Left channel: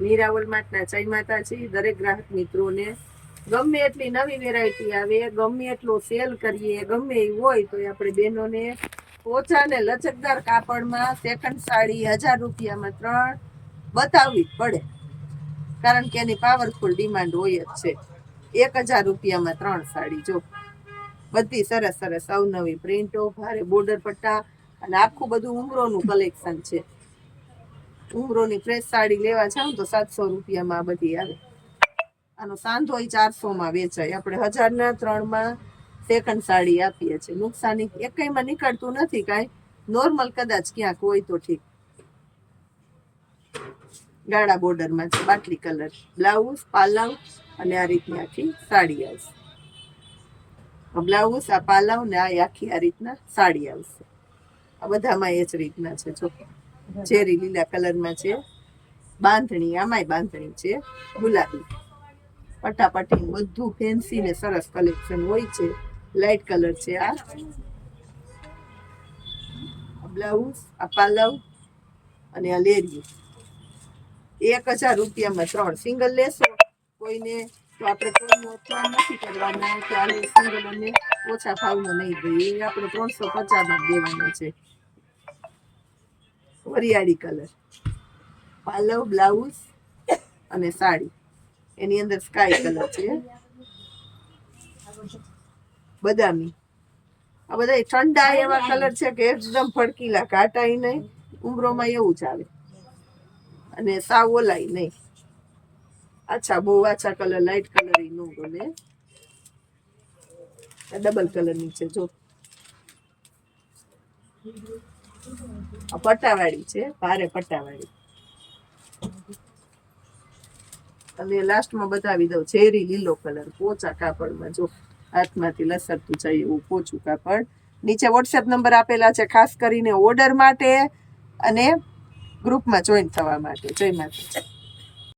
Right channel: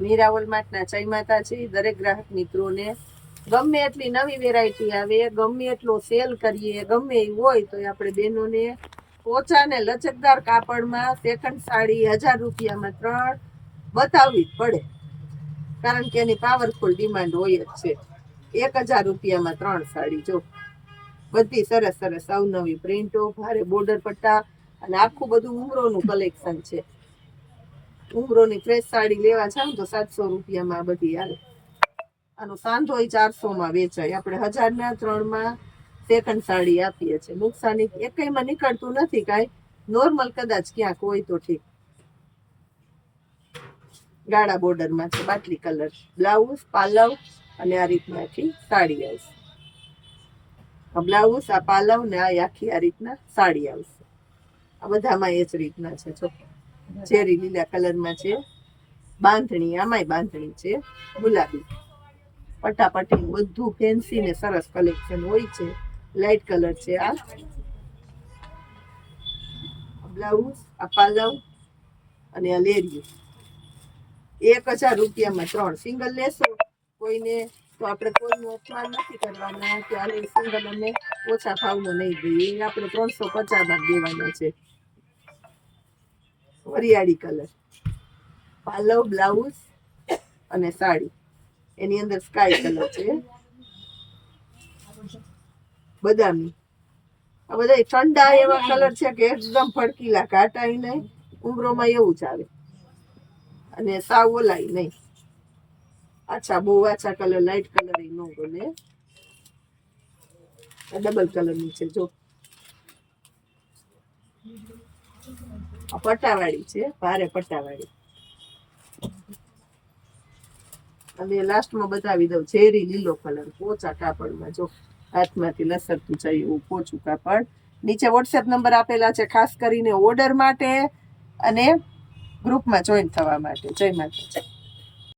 મીરાવલ માર્ટના જય માતાજી. દરેક ગ્રાહક મિત્રોને ગમે એટલી નવી વેરાયટી આવે, ગમે એટલો સેલ કરીએ, ગમે એવું હોય તો આપણે બહેનોને પોચા ને લચકદાર કાપડમાં સેકન્ડ સાડી 1000 રૂપિયામાં 3 બતાવવી જ પડે, કારણ કે એની પાવરફુલ ડિમાન્ડ હોય જ છે. 1000 રૂપિયામાં 3 સાડી. જો બધી સરસ સરસ અવનવી પ્રિન્ટો, ભારે બોર્ડર પટ્ટા અને આખું બધું ઉમરોનું કલેક્શન છે. ઉમરોની ફ્રેશ સાડી લેવા જાવ તો 700 રૂપિયામાં આ બધી આવે. આનો સાંધો 400માં વેચાય. આપણે 1000ના 3માં સેકન્ડ સાડી આપીએ છીએ. નુકસાની એકઈમાં નીકળતું નથી કાંઈ, નોર્મલ કદાચ ક્યાંક હોય તો ઠીક. ગાળા બોર્ડરમાં છે, બાટલી કલર, બ્લાઉઝ, પાલવ અને આ રીતની આખી સાડી આવશે. બ્લાઉઝ, આ પાલવ ને આ આખી આ રીતના સાડી આવશે. આ બધામાં એ જ રીતના છે. જો ચેરી લીલા કલરમાં છે, બાંધણી, આમાંય બાંધણી છે, ગુલાબી પટાપટી, બધું ફેન્સી ને સરસ કલેક્શન હોય છે. લાઇટ કલર છે. આ બ્લાઉઝ, આ પાલવ અને આ લેરિયું. 1000 રૂપિયામાં 3 સિંગલ લેશો કોઈને તો આપણે કોઈનું અપમાન નથી કરવાના કે આને સિંગલ અને ઓછા ભાવનો નહીં દઈએ. એ આપણે 350માં દેવાના છે. વરિયાળી કલર, પાલવ, બ્લાઉઝ અને સાડી. એની અંદર સ્કાય કલર છે, બદામી. આ બધા ઠંડા એવા કલર છે કે એકદમ ભડકીલા, ઘાટાય નહીં, ઉમરોમાં એવું જ આવે અને સાવ ઓલાય નહીં. આછા, બહુ આછા કલર, લાઇટ કલર એ નો ગમે. ડબલ કલરની છે. જો આ પટ્ટાવાળી છે, ભારે પટ્ટાવાળી. અને લાસ્ટમાં બતાવી દઉં ઝેરી લીલો કલર, પોચા કાપડમાં. જો હાથમાંથી લસરતું જાય એવું પોચું કાપડ. નીચે વોટ્સએપ નંબર આપેલા છે, ખાસ કરીને ઓર્ડર માટે અને ગ્રુપમાં જોઈન થવા માટે. જય માતાજી.